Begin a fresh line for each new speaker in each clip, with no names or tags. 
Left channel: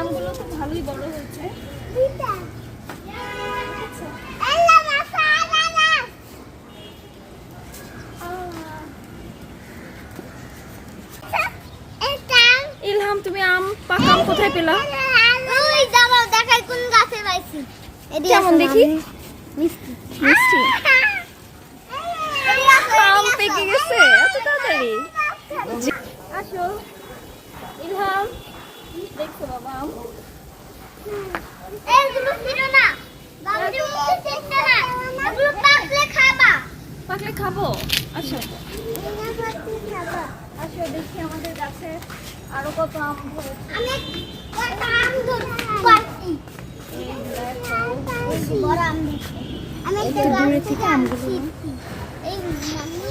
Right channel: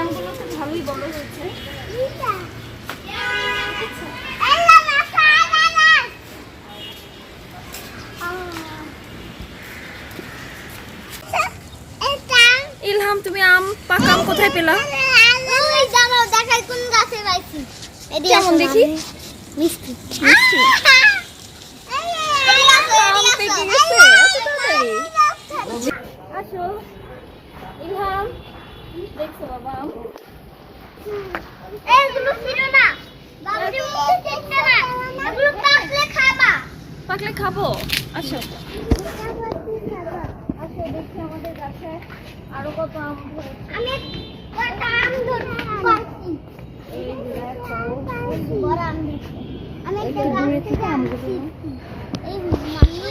আমগুলো তো ভালোই বড় হয়েছে। ইলহাম তুমি আম পাকা আম কোথায় পেলা?
ওই দাঁড়াও দেখাই কোন গাছে পাইছি। এদিকে
দেখি?
মিষ্টি।
মিষ্টি আম
আম
পেকে গেছে এত তাড়াতাড়ি আসো ইলহাম দেখছ বাবা আম
এইগুলো ছিল না গাছটি মুখে দেখতে না এগুলো পাকলে খাবা।
আসো আসো দেখি আমাদের গাছে আরও কত আম ধরছে
আমি একটা গাছ থেকে আম ছিঁড়ছি এই মাম্মি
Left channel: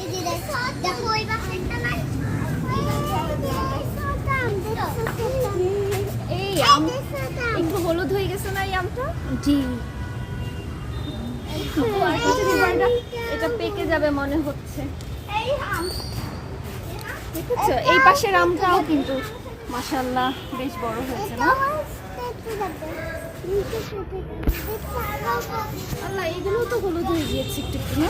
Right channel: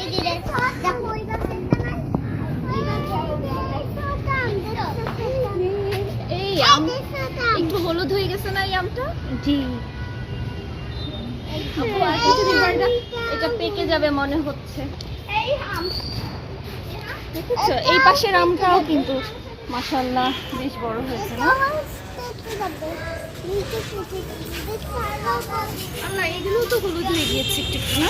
এই যে দেখো দেখো ওই গাছটা একটা নাই এই যে ছোট আম দেখো।
এই আম
এই ছোট আম।
একটু হলুদ হয়ে গেছে না এই আমটা?
জি।
এটা পেকে যাবে মনে হচ্ছে।
এই
দেখেছ? এই পাশের আমগুলো কিন্তু মাশাআল্লাহ বেশ বড় হয়েছে না? এগুলো তো হলুদ হয়ে গিয়েছে একটু হয়ে।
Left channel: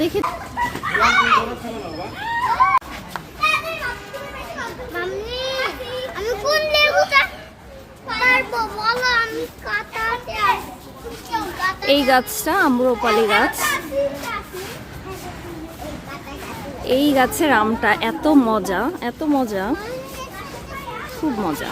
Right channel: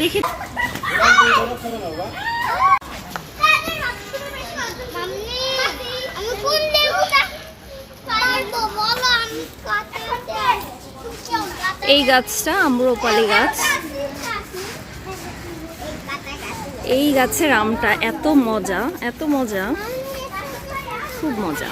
দেখি
আমি কোন লেবুটা পারব বলো আমি কাটাতে
এই গাছটা আম্রপালি গাছ। এই গাছের আমটা এত মজা এত মজা, খুব মজা।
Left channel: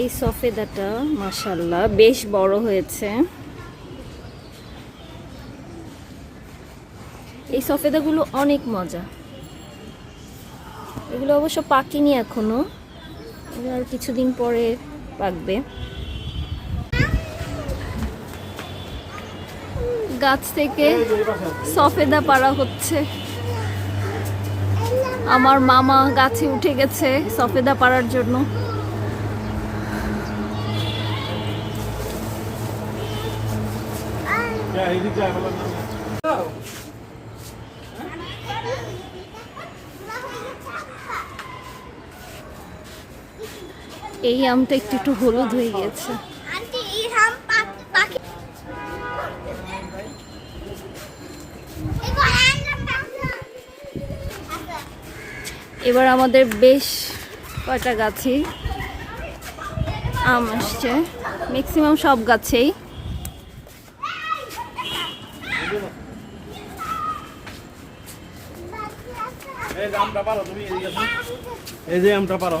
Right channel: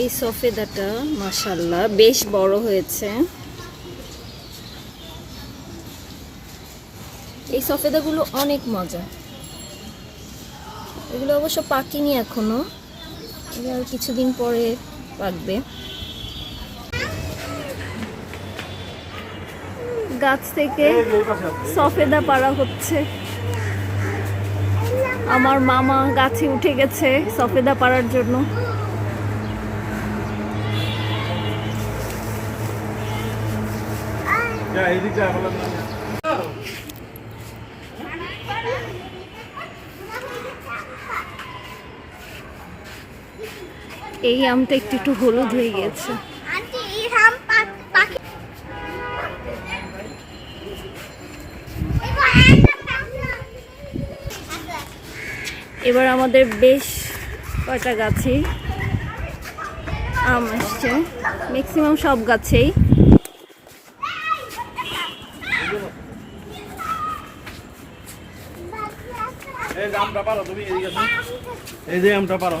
এই সফেদাটা মাশাল্লাহ বেশ বড় হয়েছে। এই সফেদাগুলো অনেক মজা। এগুলো অবশ্য পাকেনি এখনও। এগুলো আর কিছুদিন পরে পাকবে। গাছ থেকে সফেদা পাড়া হচ্ছে। আমার মামা গাছে উঠে গেছে সফেদা পাড়ার জন্য। এই আমটা একটু একটু হলুদ হয়ে
পাখি
এবার আমাদের বেশ কয়টা গাছেই আম আসছে। ম্যাক্সিমাম সব গাছেই।
এই যে আমটা পারো।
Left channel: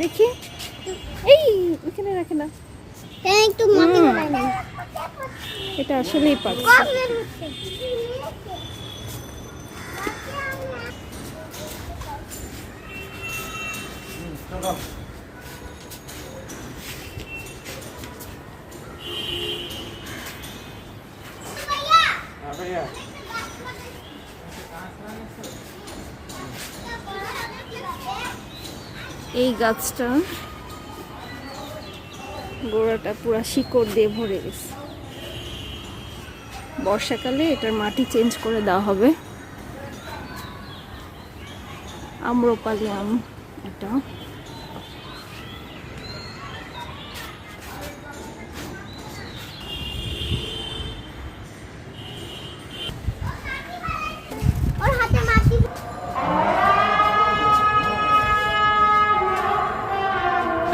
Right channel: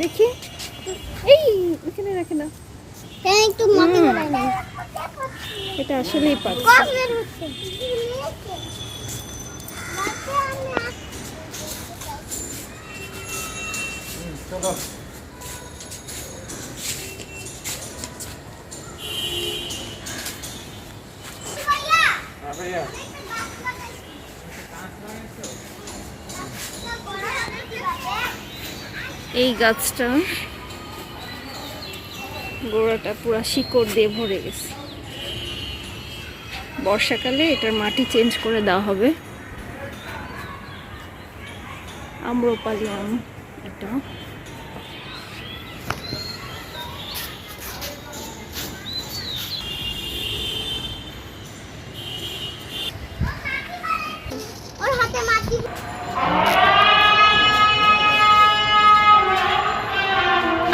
দেখি। এই এখানে রাখে না।
একটু মাটি
এটা আসলেই পারছে
চলো।
এই গাছটা গোড়াটা পুরা শিকড় দিয়ে ভরে গেছে। বর্ষাকালে এটার মাটি চেঞ্জ করে দেওয়া হবে। আম্রপালি আম এটা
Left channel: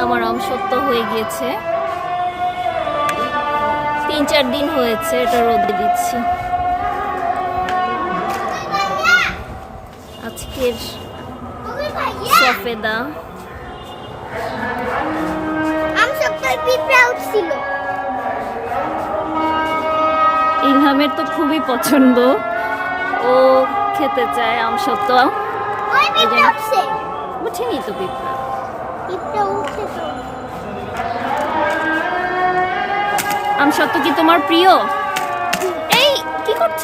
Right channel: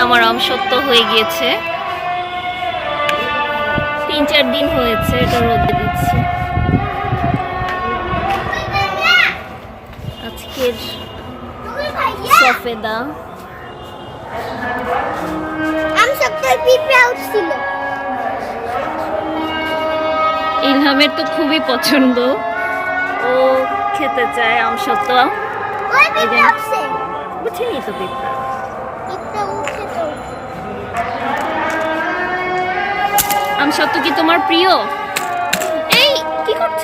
আমার আম সত্য হয়ে গিয়েছে। তিন চার দিন হয়েছে এটা রোদে দিচ্ছি।
আজকের সফেদা।
ইলহামের তো খুবই পছন্দ। ও খেতে চায় আমসত্ত্ব
ওই
এই যে- বুঝিনি তো পিঁপড়া। সত্য কি তোমার প্রিয়? এই কি করছ?